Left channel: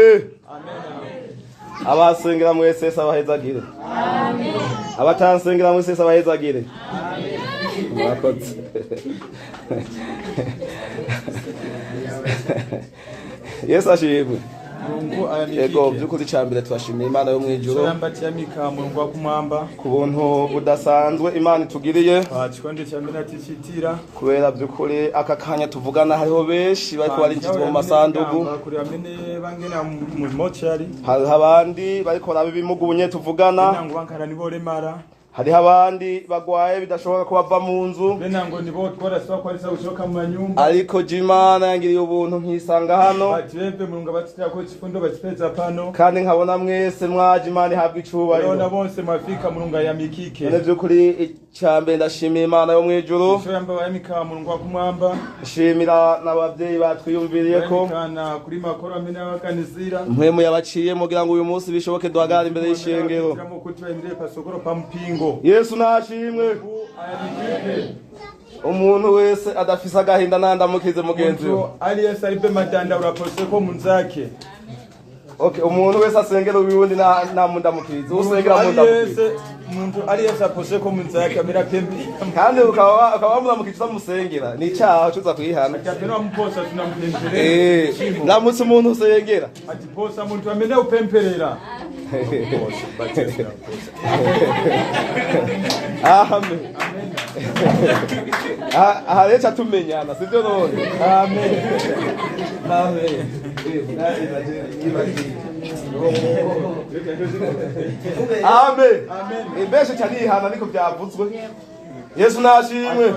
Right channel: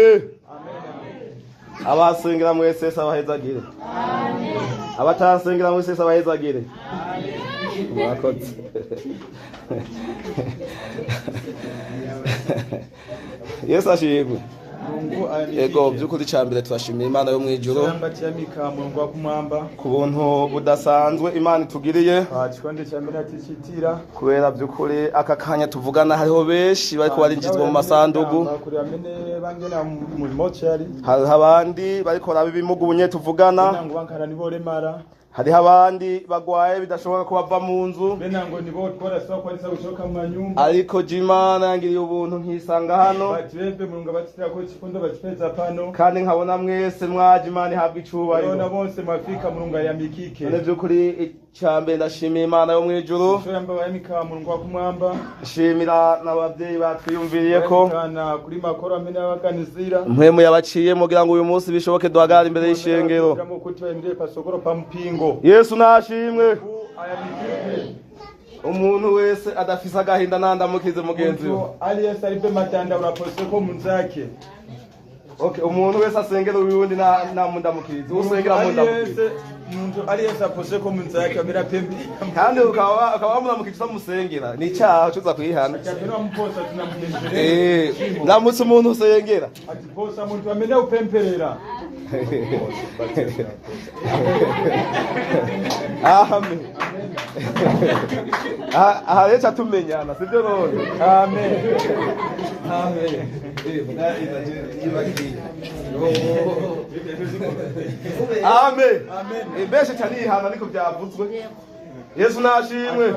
amen. Abasengera mwese sabahezagire. Amen. Abatansengera mwese sabahezagire. Amen. Mwakoze. Yesu ashimwe. Ego byukuri cyambere twashimiye Imana yo mwijuru. Yambatiye mikamurungu wa kumwamba. Ku buntu budasanzwe Imana itugiriye. Kikonde cyambere atishitira. Kubera byukuri aka kanya tuvugana hariho benshi bariko barinjizwa mu masandugu. Kuri amene bangena mu mochari. Hari abandi bariko rabibimugunye tuvugana. Nango bankara nibo remara. Hariho abandi bagwaye bidashoboka ko bava mu nzu. Benango nibo twara swa kwa risa gushoka mu manyumba. Ariko Imana yangiriye ubuntu nkisanga hano. Batirebe murunga batitira ko kifundo bakipeza pano. Kandi nkabona mwese mwaje Imana ihabwa icubahiro. Bona bonse mafika murunga ya mikike. None byukuri cyambe ndashimiye Imana yo mwijuru. Sho yamba ya mikamurungu wa kumwamba. Shimira n'abavyeyi batwiyumviriye ko. Kana kuri makoro amene abakanizira. Mpemu yabaciye mugira ngo uyu munsi bishoboke duhagara imbere y'ishengero. Yesu nashimwe. Umuntu wese adafisa agahinda nandamukize mugenzi we. Ali Yesu aribe matanda urapose ko munzake. Okay, umuntu wese asengera uyundi na mundamukize. Usengera mundamukize. Umuntu ali Yesu apose ko munzake amera pembe. Kandi ukaba mundamukize musengera. Ni cyaha cyuza kwihana. Akapera muposa tunamupemperera. Ndamutse umuntu usengera. Ati posa umuntu amene upemperera. Amen. Aha rero tumenyana sibyo none. Amen. Amen. Amen. Imbeshe cyane ihana niko byavuzwe. Yesu nashimwe.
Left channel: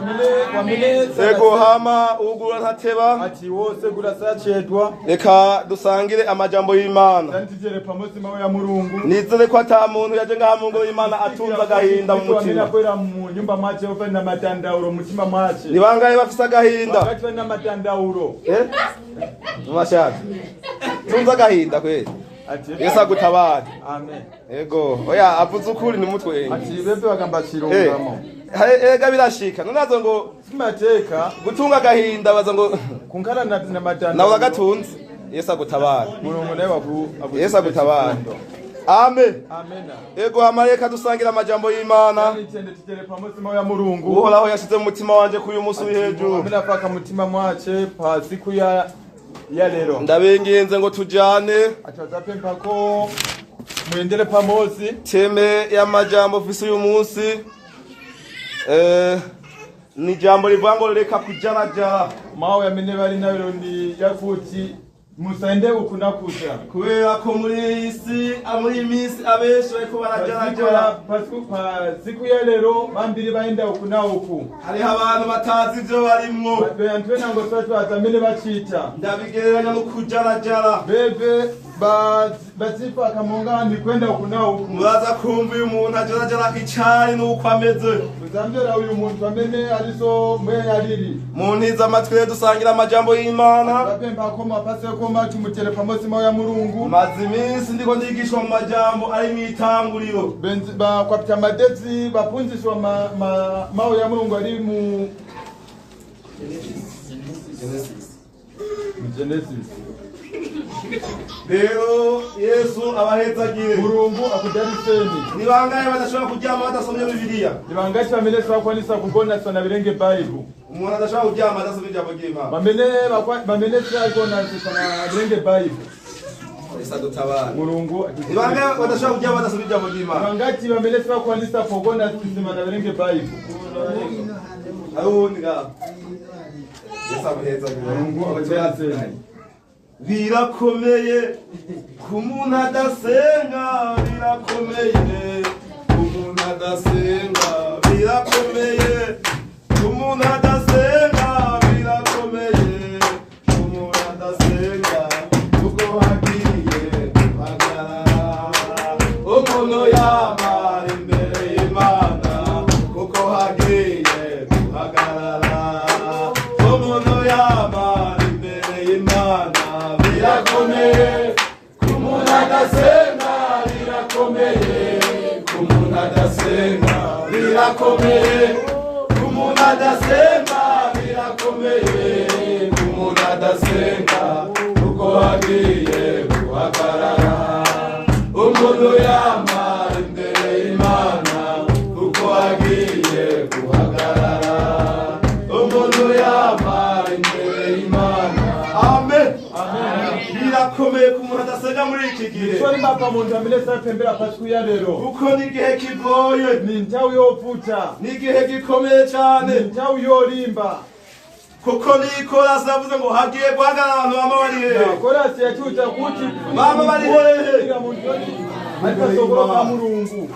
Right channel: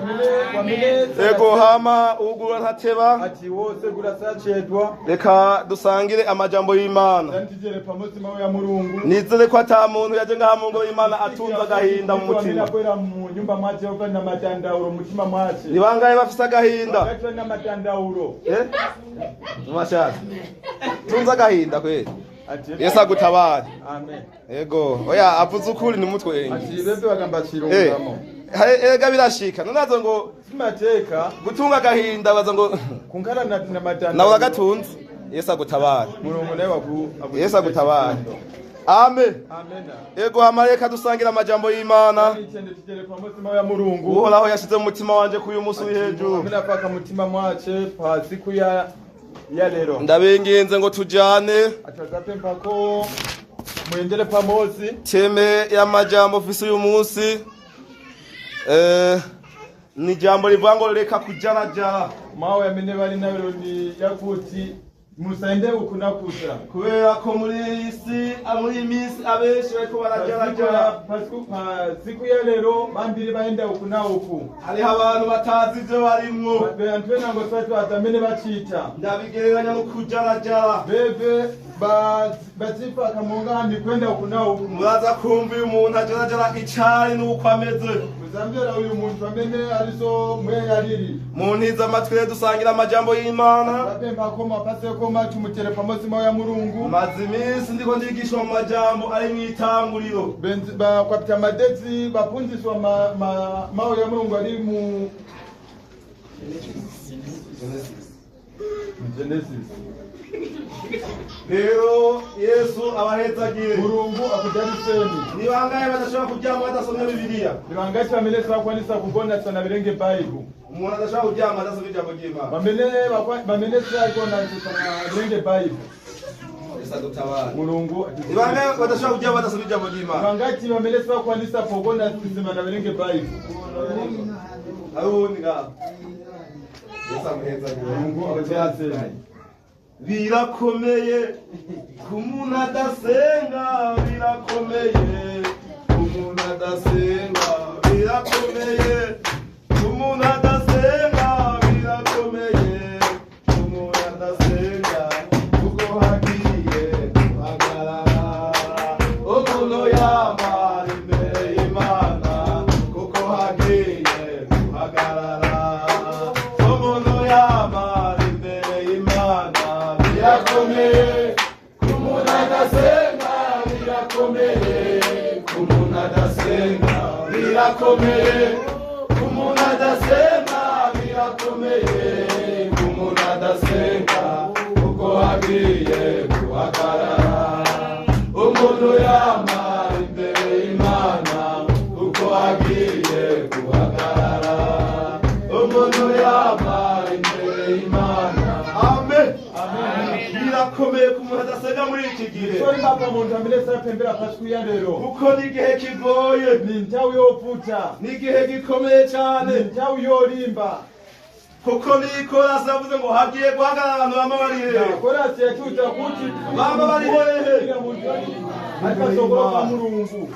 Ego hama ugura ntateba. Ati wose gurasacedwa. Reka dusangire amajambo y'Imana. Ndantigere pamosi mawe ya Murungu. Nizere ko ata muntu yaje ngaha mu ngoro y'Imana atunza agahinda mu mutima. Ninakwera mu nyumba mwaje ova na matandauro mutima mwaje. Nibangaye bafisa agahinda. Bakatwa na matandauro. Mashaka. Tunza agahinda kweli. Yesu agutabara. Amen. Ego. Oya avuze ukuri ni mutwe. Ati bebe bagamba kirungamo. Ega birashika. Nonazo ngo simateka gutunga agahinda baza ngo kunkara na matanda. Nawe agatunze. Yesu agutabara. Murungu nawe Yesu agutabara. Amen. Amena. Ego amareka dusangira amajambo y'Imana. Nitende tigere pamosi mawe ya Murungu. Uhoraho yashize mu mutima wanje kuyu munsi w'ihejuru. Amena paka mutima mwace pa siku ya lero. Ndabengenze ngo tujane. Atazapempa ko mwendele pamosi. Teme y'amajambo fisi uyu munsi. Ni jambo livango leka kujarajara. Mawe ya mene bari nayo ni yakuti musende ukunakuta. Kubera ko muri isi amuri imisi abeshi bariko barajarajara. Pasku pa siku ya lero bambiri baenda ukuna uku. Hari abantu batazi ivyo barimwo. Bentwe nango twatwa azamene bacita. Ndabigereranya no kujarajara. Bebe bazifa kamungandi kwenda ukuna uku. Muraza kumva uyu muntu ajarajara icari nuko ameze. Muzambera uyu muntu amene ariso mwe yariri. Muniza amatwi dusangira amajambo y'Imana. Bapemba ko mapase ko macu mutere pamosi mawe ya Murungu. Mazimisi ndiko ndigishwa mu majambo ari mwitanguriro. Benzi ba kwapita madezi bapunzishwa mawe ya Murungu ari mu Genesis. Rero Yesu abahezagire. Murungu akudariseni. Nibangaye badashobora kuryama badasomye Bibiliya. Nibangaye bamene sakwanisa kugona sana birenge Bible. Umuntu adashobora kuryama adasomye ijambo ry'Imana. Bamene sakona sana birenge Bible. Yesu adutabara. Murungu nibangaye badashobora kuryama badasomye ijambo ry'Imana. Nibangaye bamene sakwanisa kugona sana birenge Bible. Arundi ga. Yesu abahezagire. Murungu akudariseni. Birakomeye kumuntu adasenga, birakomeye kumuntu adasenga, birakomeye kumuntu adasenga, birakomeye kumuntu adasenga, kuko hagiye guhagarara umuntu yamara imbere y'Imana, kuko hagiye guhagarara umuntu yamara imbere y'Imana. Birakomeye kumuntu adasenga, birakomeye kumuntu adasenga, birakomeye kumuntu adasenga, birakomeye kumuntu adasenga, kuko hagiye guhagarara umuntu yamara imbere y'Imana uko agiye guhagarara umuntu yamara imbere y'Imana amen birakomeye ku muntu adasenga muri iki gihe Sori mapa muntu amele sa pembera pasikuya rero kuko ni igihe kigoye ni ntawe yovuta ni igihe gikomeye cyane ni ntawe yorimba kuko nikorasi yavuze ngo hagiye guhagarara abantu bama bari hehe korasi yacuta kuti bama bari hehe ariko sogoro ka Mulungu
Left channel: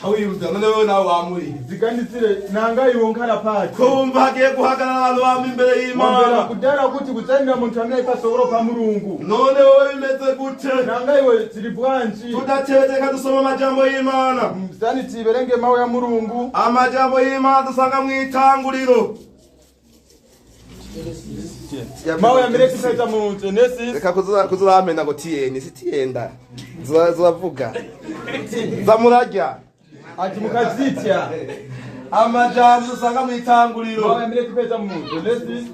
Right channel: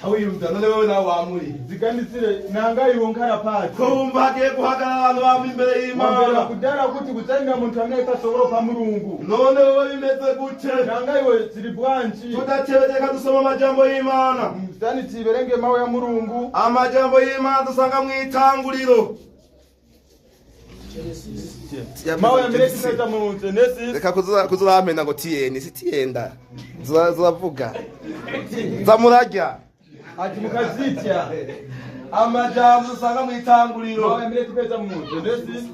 Chawiyuza none wewe nawe wamuri ziganisire nanga yonkara pati kumva hagiye guhagarara abantu bama imbere Mambera y'Imana kudara kuti kutsanira muntu amene pasogoro pa Mulungu none wowe bimeze gute nanga iwe ziri bwanji tudatebeka dusoma amajambo y'Imana mzani tiberenge mawe ya Mulungu amajambo y'Imana dusanga mu itanguriro mawe ya mileki pesa mu Genesis reka kuzuramena ngo tiyeni sitiyenda zavuga zamurajya ati mukazitya amajambo dusanga mu itanguriro mawe ya mileki pesa mu Genesis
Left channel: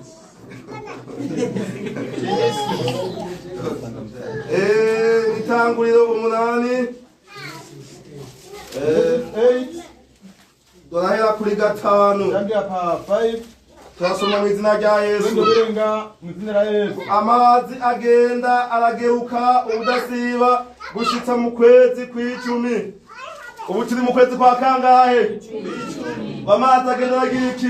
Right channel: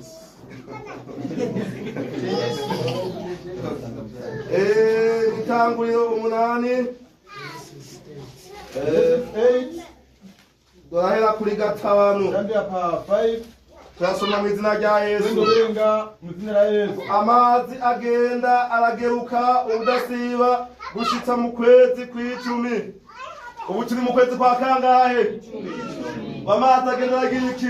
itanguriro 8 8 dorahera kuri 5 Zambia pa 5 turasoma mu izina rya Yesu Ndoberenga mu zina la Yesu amazi agenda arageruka ubudasiba gushitsa mu kwezi kw'icumi ubu turi mu kwezi kwa kangahe amazi agenda aragira iki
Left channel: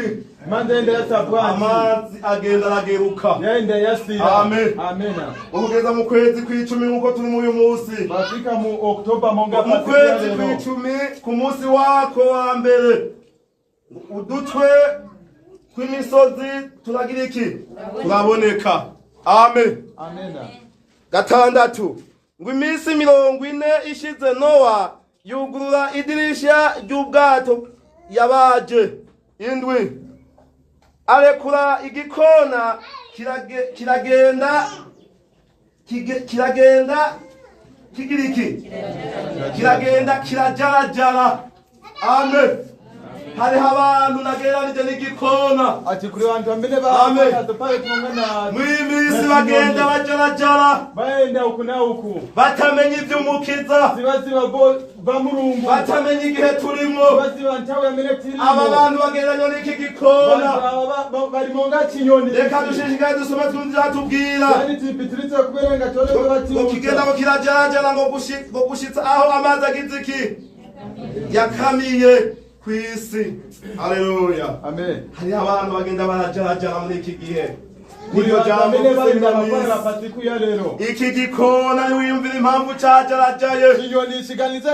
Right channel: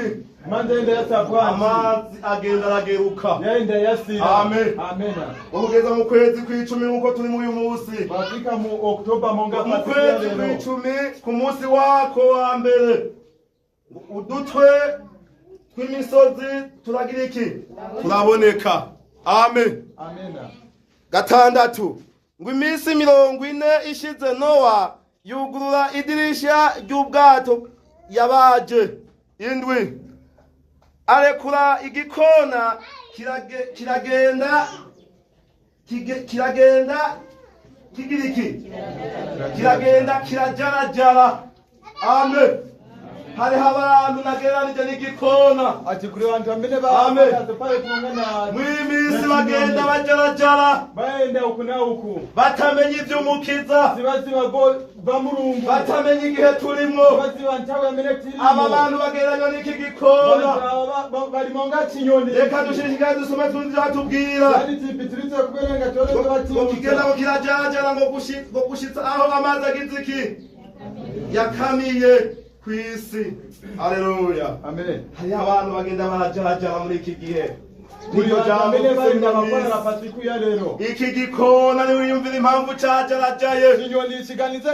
mandende yasabwa amazi agenda arageruka yaenda yasira amen amena ugeza mu kwezi kw'icumi nkuko turi mu uyu munsi bafika mu Oktoba monga mu kwezi kw'icumi ku munsi wako wa mbere udutwe kw'imisozi turagira iki turaboneka amen amena gatandatu ngo iminsi 40 ishize Nowa yugurura idirisha ry'ubwato yabaje indwi arekura igikona kiragenda kigira iki kiragenda kirajarajara amen hariho abantu nageranije n'igikona ati kuri bantu ambene Amen. ba pale tungana mw'imisi bagenda bajarajara baenda uku na uku batamenya ivy'umukiza zibaziba ba Mulungu batamenya igihe turimwo zibaziba ntawe yamene tirimo aba bantu bagereranywa n'iki gikona bari monga kinyoni reka dushishikaye dusome twumva ivyatubwira yani tipitiritse kuberenga cyone bati ngo kigenda ngo kirajarajara ngo gushitsa aho amazi agize iki yakamiye kw'isi haleluya amen hariho abantu bagenda barajarajara muri iki gihe kuri niryo jambo bamene bari dusengera bakora mw'isi pasiku ya rero iki gikona niwiyumvira impamvu cajarajaye kinyoni kiganize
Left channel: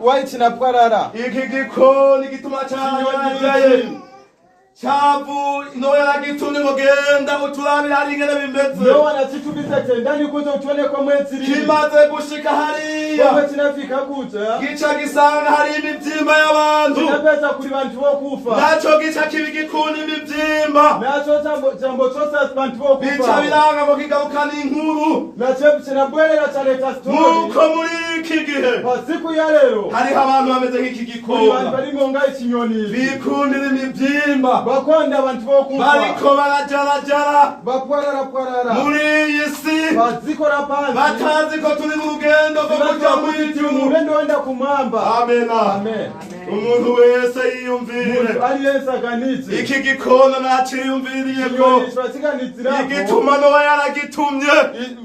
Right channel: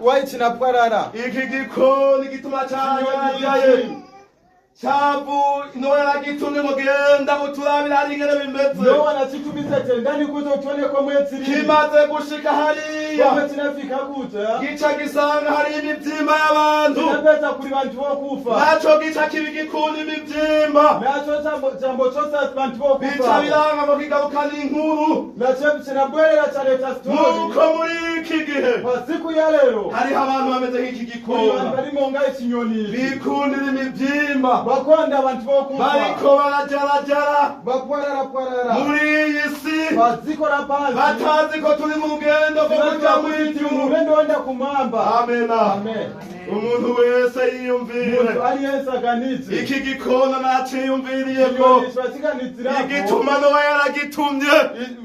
waitina bwarara iki gikoni gituma cajarajaye chavu Nowa yaragitumye ngo genda uturabire hari ingene bimeze Nowa nakitubize tendani kuze utone ko mwetsiri kimaze gushika hariya Wewe tinafika kuja gica gisanga hari imivyimba y'abantu tinapeza kuri bantu bo kufa naco gica kibi gikunda imivyimba nacho jambo chose bantu bo bica kufa biranga ngo kigarukana inkuru nacho kinabwerera cyareta story nuko muri iki gihe pasiku ya rero hariho abantu bameze nk'iki kuri gikona bantu bari monga ikinyoni bikundira imivyimba bakonda abantu bo kufa bariko barajarajara bakwarara muri iyi si bazikora panzi batazi ko turi mu rugendo rwo kuja mw'ijuru urendo wenda kumamba amena amen umuntu wese umuntu yiyumvire ari Yesu aganitse iki gikona naciyumviriye ko kinyoni shwasiganitira igituma Nowa yaragitumye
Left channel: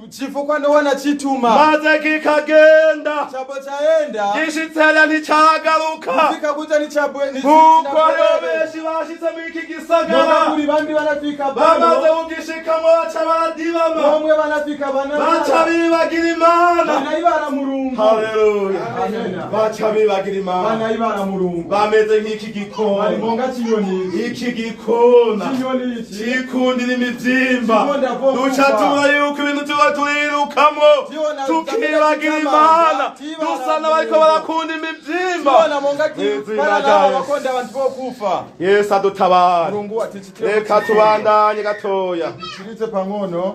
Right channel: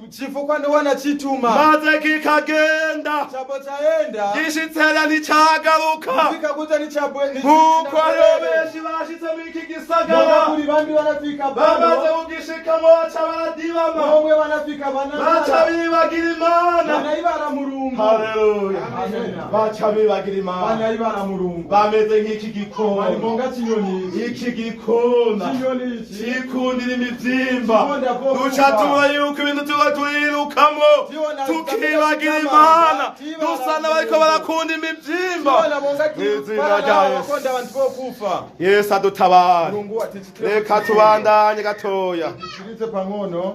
chifukwa Nowa nachituma maze kikagenda chabo chaenda gishitsera nticagaruka fika kuza ni chabwe ni kuko rero benshi bashitse muri iki gisagara kuri bandi banafika bamaze bano kugishikamo baca baradibama bamwe banafika baca bibagira Imana banayibara Mulungu haleluya amen baca bibagira Imana banayibara Mulungu bameze nk'iki bari gikona monga kinyoni iki gikona kinyoni iki cikundira imivyimba Kikunda vo duca kufa. tubura yuko ibintu tuba turirukamo Tiona tukibagira Imana Tiba dusa n'abariko barakunda imivyimba bana monga kibara naho bakonda abantu bo kufa Yesu adutabara Mulungu atichitire reka tubandanye gatoya Chiritse pangono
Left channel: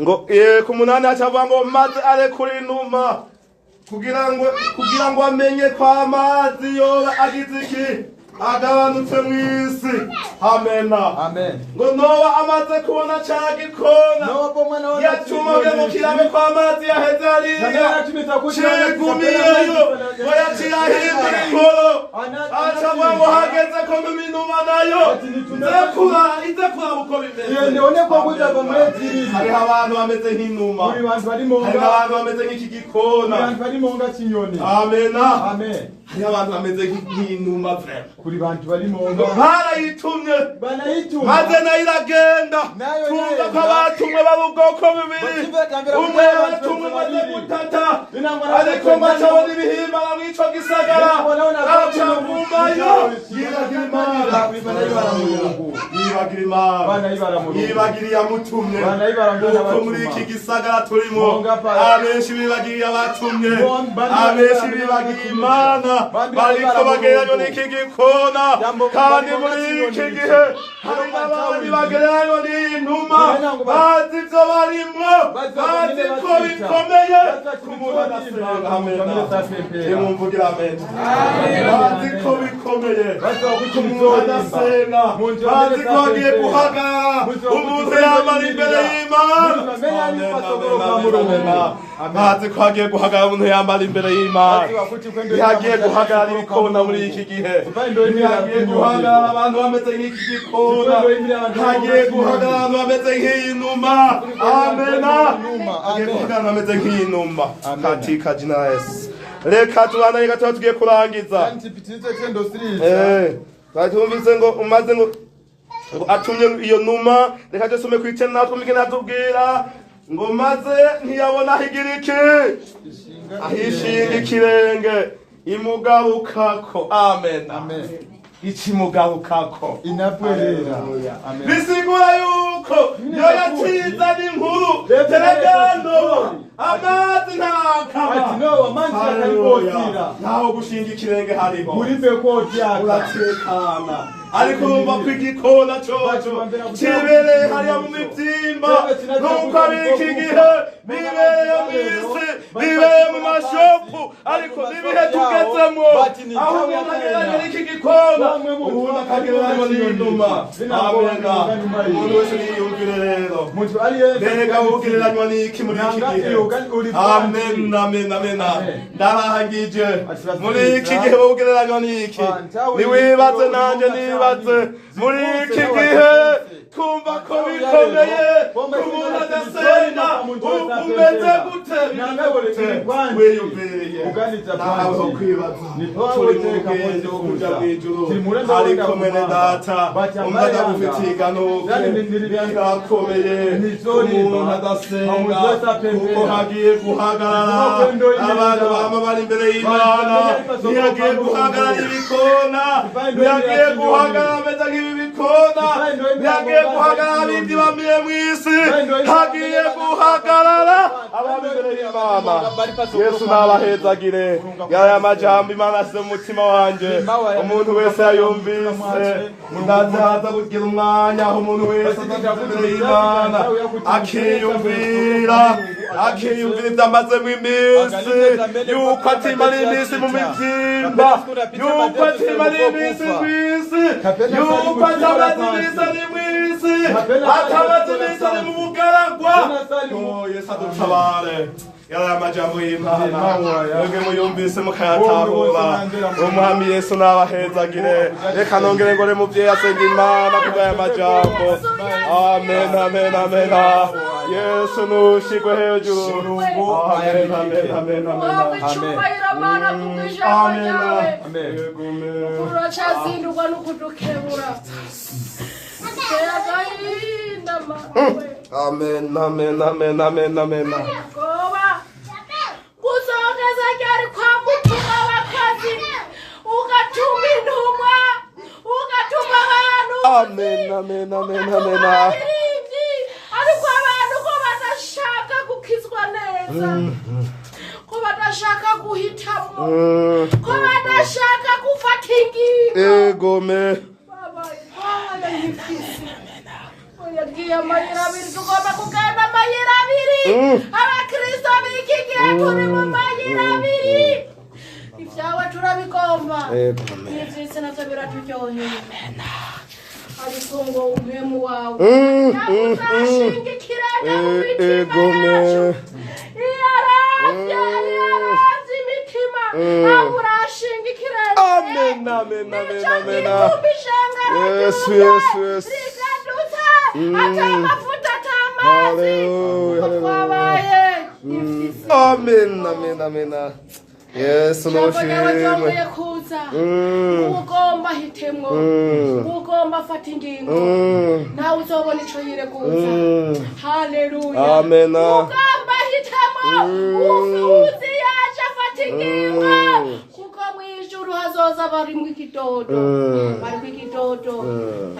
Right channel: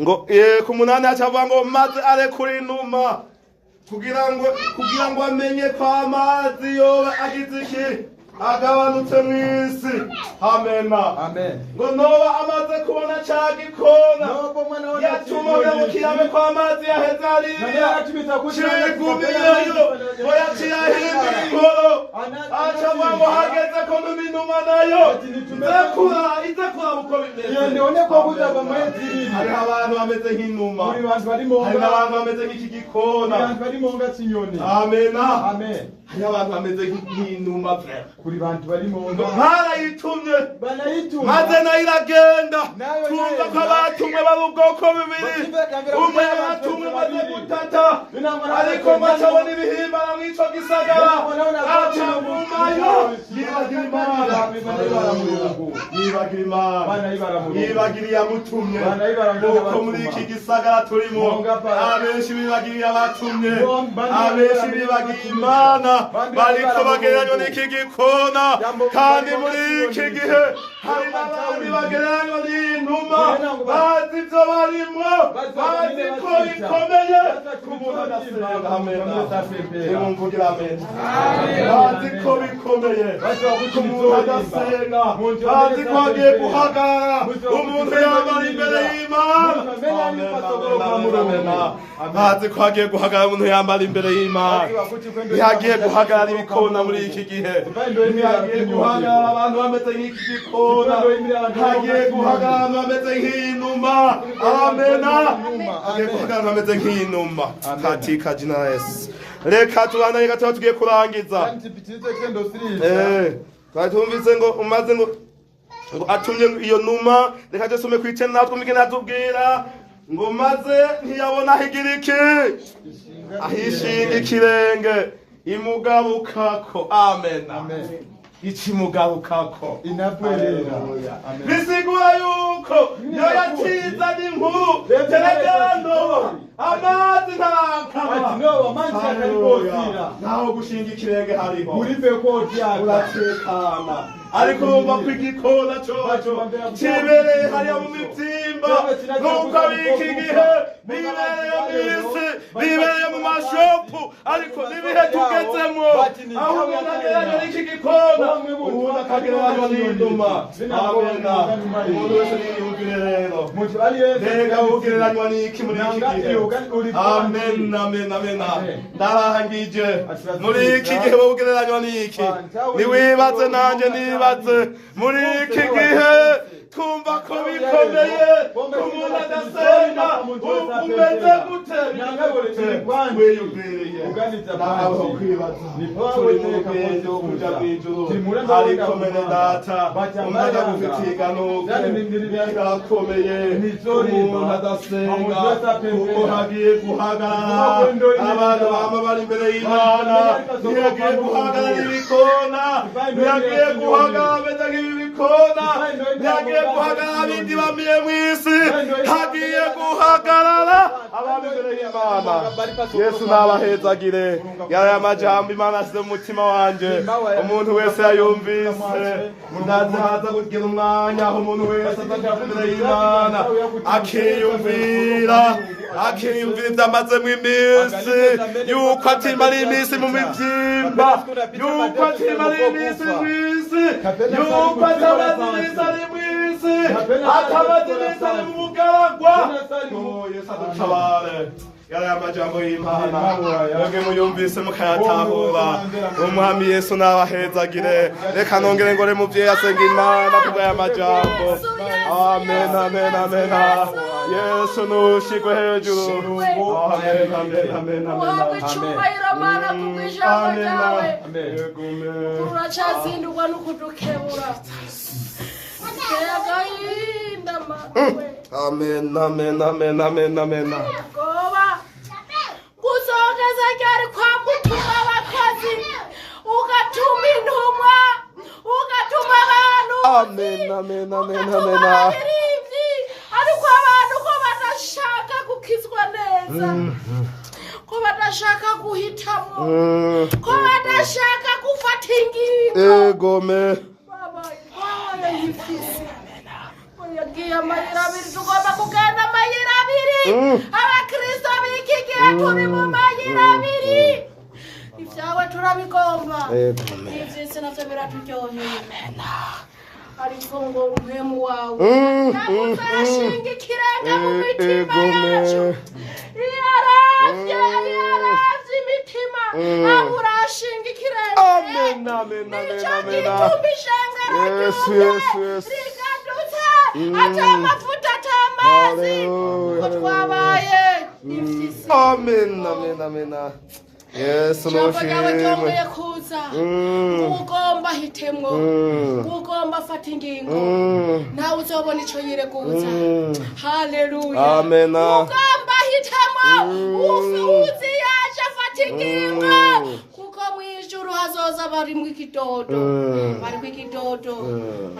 ngo ku munani acavuga ngo maze arekura inuma kugira ngo amenye ko amazi yoba agize iki agabanutse mw'isi. Amena. Amen. Ngo Nowa amaze kubona ca gikona Nowa pomwe naona yatumye mu kirame kw'amazi yaheze hariya cigumiyeyo ngo yaciye ahindura inkoro aca ngo hageze ko mu minuma nayo ize kuraba uko bimeze. Iyo ndione ko kuzava muri zibiri. Hariho abantu bameze nk'inuma, Muri bantu bari mu hariho abantu bameze nk'iki gikona. Muri bantu bari mu nga kinyoni. Amena. Amen. Hariho abantu bameze nk'inuma vrema. Kuri bantu bari mu nga barayitumye banayituma maze nayo iragenda. Nayo Tumva ko abatumwe bari ubwoko bubiri, umwe yabatumwe maze gutata ariko bacabona ibihimbana mw'ico gisagara aca mumayo yibagira Imana, yibagira iyamutumye. Nuko muri iki gisagara turimo abenshi bibagiriye abatumye, abenshi bibagiriye Imana, bariko bagereranywa n'iki gikona. Kandi muri iki gihe hari n'abandi bagereranywa n'inuma, bazi ivyo barimwo, bazi ko bikomeye ku muntu adasenga. Nimumvugire amen. Bazi ko bikomeye ku muntu adasenga, bazi ko agiye guhagarara umuntu yamara imbere y'Imana. Bazi ko agiye guhagarara umuntu yamara imbere y'Imana. Ntihagiye guhagarara ibikona muri iki gihe, ntihagiye guhagarara abantu bameze nk'iki gikona, hagiye guhagarara abantu bameze nk'iyi numa. Amena. Hagiye guhagarara bameze nk'iyi numa katika jina la Yesu. Reka tubandanye gatoya tugiye kurangiza. Twumvise ngo umaze ngo atumye iyo numa. Reka dusome ku icenda natwe mugende atubwira ngo maze ntiyabona ahigira iki, ahishinga ikirenge imugabukako. Amen. Amen. Ikimugarukako inapwerera. Amen. Bisigura yuko yo yacizana inkuru teregando amazi ntakama. Ati no amanzi yakaribotira. Naho gushinga ikirenge hariho. Muri bekoti yaka. Uratekana. Ariko urumva ko igikona coco kibereye hariya mu mitimba. Nuko ari iki gihe bibereye mw'isi, bibereye mu mashopu, ariko n'ibihe tugezemwo aho umuntu agereranya n'iki gikona, umuntu akagereranywa n'inuma. Amena. Umuntu wese niyumvire rero, mbega ugereranywa n'iki muri iki gihe? Amen, amen, amen. Ndarahangije muri iki gihe ugereranywa n'iki? Niwibaze nanje nibaze muri iki gihe twumva ko bikomeye ku muntu adasenga. Umeze gute? Wiyumviriye nawe ho kwibaza. Turi mu bwenge bwo kuja mw'ijuru, ariko mwene data umvaga bufitiye iganuke birakomeye ku muntu adasenga, kuko hagiye guhagarara abantu bama bari imbere y'Imana. Ntihagiye guhagarara ibikona, ntihagiye guhagarara bameze nk'ibi bikona, ntihagiye guhagarara abindi bamiye mw'isi, hagiye guhagarara abantu imbere y'Imana. Yesu nabahezagire. Yaya majambo Imana asize mu mutima wanje, umuntu wese yayumvise. Ndazaza kugira umwanya aho umuntu wese azaja imbere y'Imana akiyumvira ivyamazemwo iminsi, yuko atimara iminsi mu mivyimba, yuko atimara iminsi mw'isi, yuko atamaze iminsi ari mw'isi, atamaze iminsi ari mu bugaragwa. Yesu adutabare. Yari amajambo y'Imana, mwebwe muyumvise mukayatahura. Umwami Yesu nabahezagire. Reka nongere ngore muvyeyi asenga Imana kubw'aya majambo. Amen, amen, amen. Yesu nushigwe hejuru. Amen, amen, amen, amen. Uracazindurwa n'ukudukebura. Amen, amen, amen, amen, amen. Kuzongeza ryari kwa mutima w'akazi, ugatuma intumwa, ugatuma abantu. Amen, amen, amen, amen. Ariko abantu ko badashaka gukizwa neza, ko badashaka guhitamo, ko badashaka gufata ingingo. Egome. Yagiye amayira abiri, tugomba kugenda amayira abiri. Abakristo b'iki gihe turi mu mayira abiri. Ibyawe turabigomba ivyisi navyo biraturyoheye ariko ngo umpemu wawe nakuzashinga ikirenge mu mitima yacu yaravye imitima nakurashinga ikirenge amen yes atamavuta atamazi twabaye amen yes noshimwe ugomba hitemwo ugomba fata ingingo nawe uzobona ico yireguza haleluya amen ugomba hitemwo ufuzi yaje fata ingingo kuko mwijuru hazoza bari mu kidodo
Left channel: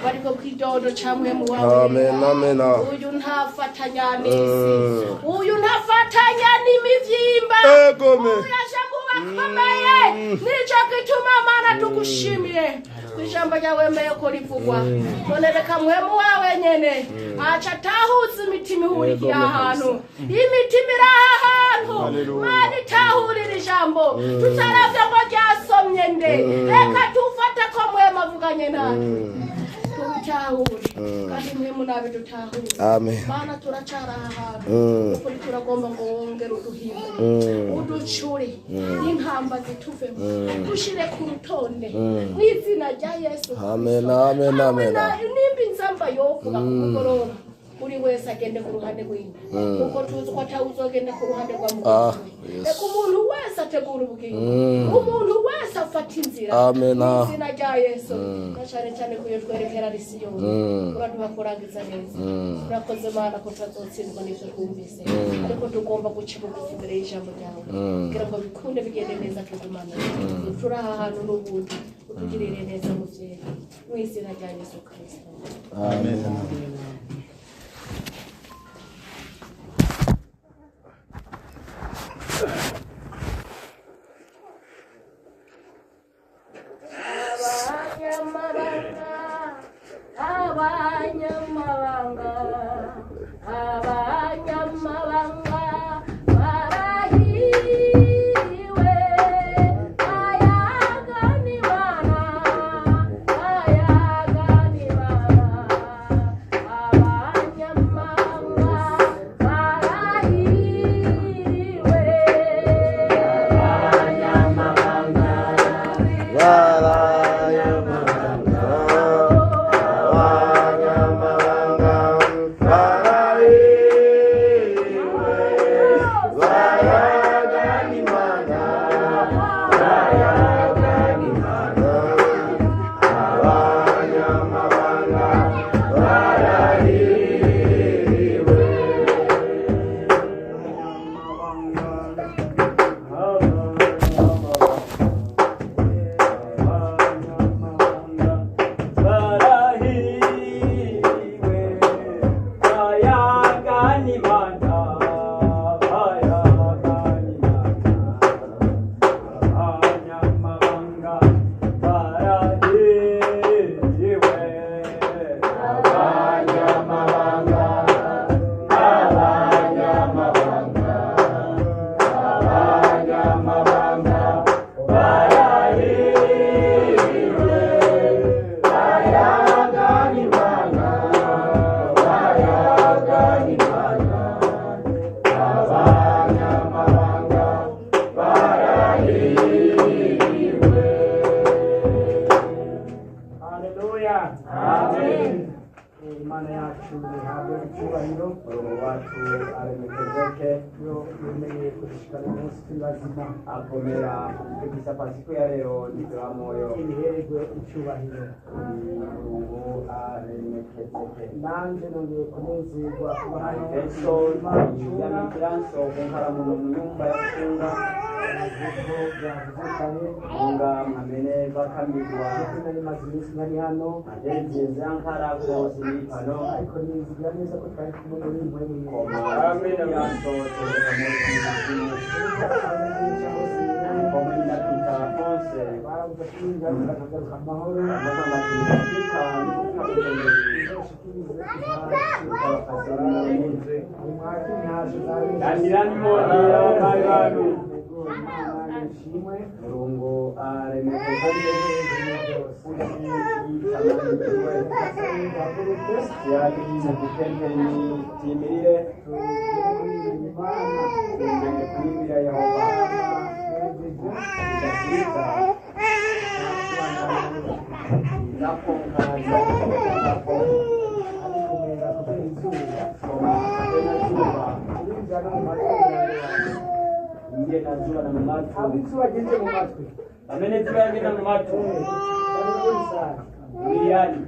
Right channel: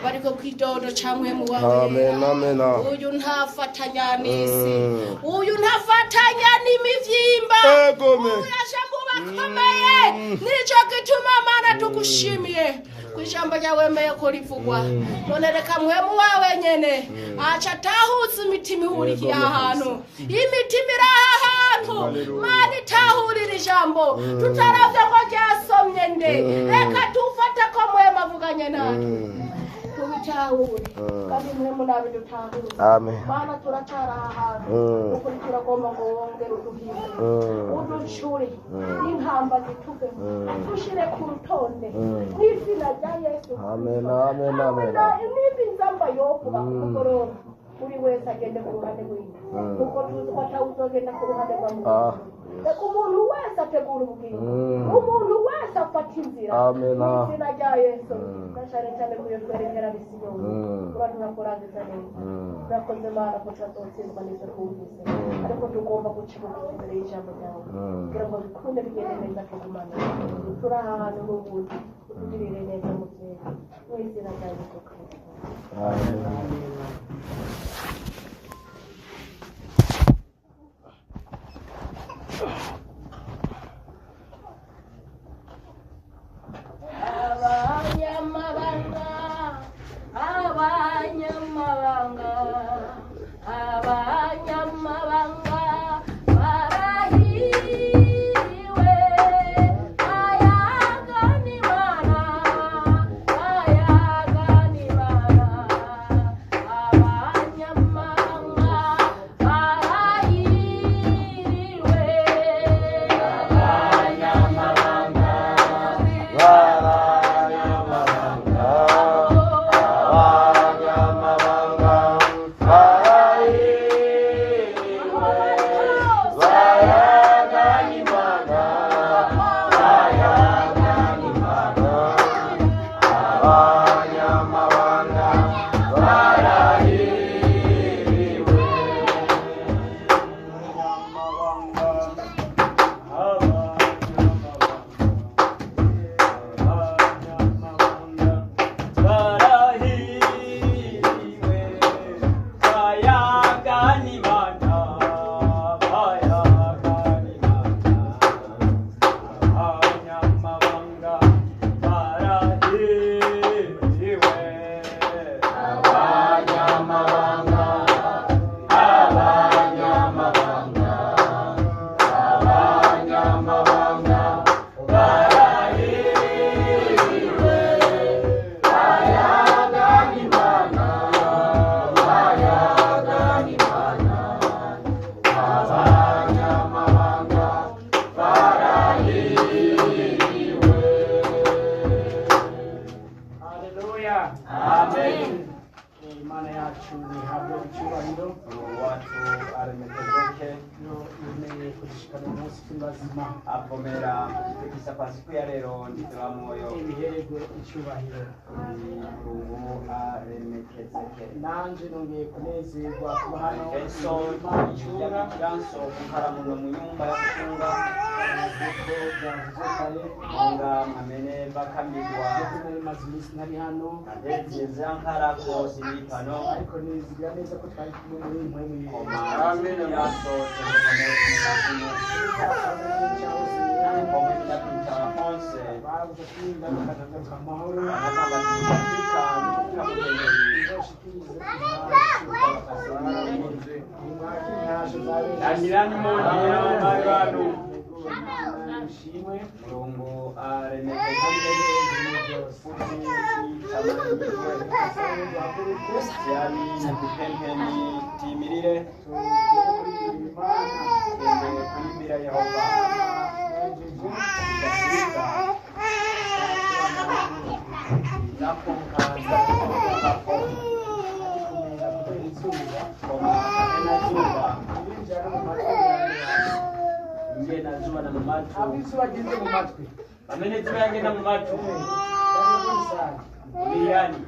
bariko kwidodo camwe mu wawe amen uyu ntafatanya n'isi uyu ntafatanya n'imivyimba akomeye nico gituma mana tugushimiye ijambo ryawe meye ko rivugwa none reka mwemu wawe nyene aca tahuza imitima ihurikiye ahantu imitima iri ahantu mana itahurira ijambo tutaravye ngo ryasomye nde reka tufate ko mwemu avuganye nawe tubitahure kandi mwemu nawe dutahure mana turacara ahantu ukuri turagomba ngo wongere uduhimbe uducure intamba zituvemo dushire ku rutonde n'izina rya Yesu amen nimba inzamba yovuga ku mugoroba uri wese agende ku ruhande rw'iwe kuko tuzi ko atawuzogenda ku ruhande rwa mugenzi reka umuntu wese ategura ubugingo umuntu wese afata inzira n'izina rya Yesu gashane cyane kuyo twerekera risiyoni uraduha kurangiza neza urakoze mana ko tuzotsindwa n'ivyo twumvise ariko tugomba guca bugufi imbere y'ijambo ryawe kugira ngo bikunde bigende neza tugumane turaha ahantu n'ubundi utugirire neza muvyeyi mu izina rya Yesu Kristo amen. Apomera kisa pasiku ya leo nitoa moyo ibihego icyubahiro ubu aremekezeke nanje nongeye kunezerwa kuba hari Yesu ya kiranso kunkaramu mu nyumba ya kufunga kuko byavuze kare nga amene bakambirwa nari maze iminsi ntari hano agerageza ankara kose ni pano ariko nizigira neza ko twari kumwe muri impwemu y'Imana amen kiranso ishimwe Mulungu aremeke kandi yali kupempeni timirire tembere kuyimbira Yehova nakonkaza kumera kubera izuba Ndiye na zuba na matu. abizuba ageze mu matwi Amene zuba yagenda mu matu. Miliani.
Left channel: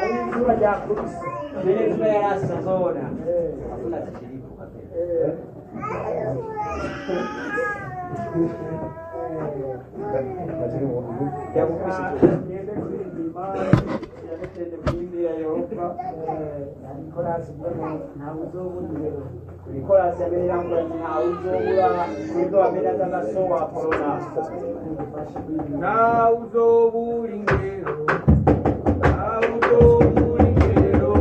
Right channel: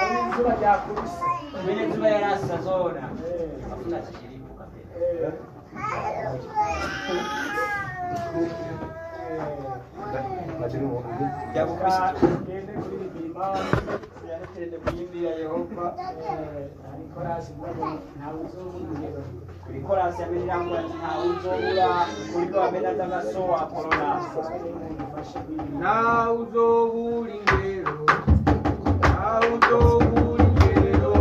ari izuba ryakubise Amene zuba yarasa zona. Hakuna chishiriku kabisa. Yakubise tu. ngende kuririmba Yanatende kuyimbira Yehova. ariko rasibuye ntawe uzobungero Nikolasi amenyirangwa ntawuzobura kuriko bamena ndagasowa corona. Ntawuzobura ingero. Ntawuzobura ingero.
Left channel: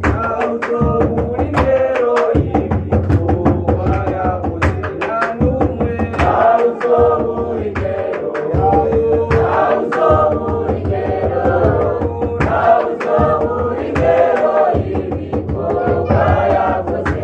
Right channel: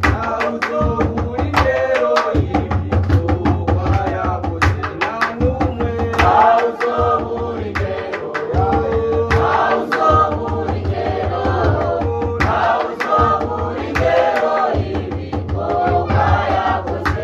Ntawuzobura ingero y'ibikorwa yakoze nta n'umwe. Ntawuzobura ingero. Ntawuzobura ingero. Ntawuzobura ingero y'ibikorwa yakoze.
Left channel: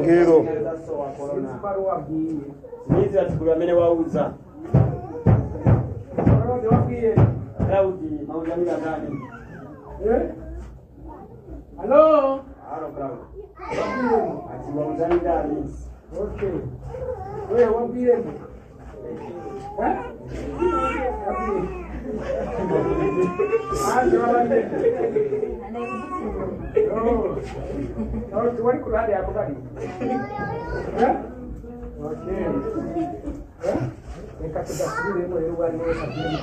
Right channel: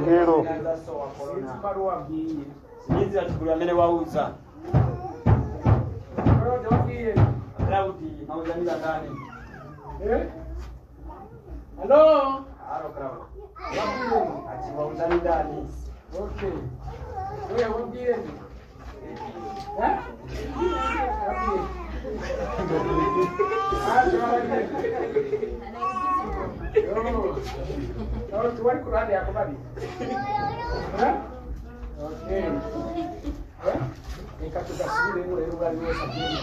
Ngero. Nizi atukuru amene wauza. Claudi mauza mila ndani. Hello? Halo Claudi. Ati wauza ndani. Okay. Wewe wabie ni. Wali kulali yako bali. Okay. Nikatoka sibiri ndio wali wao sabini.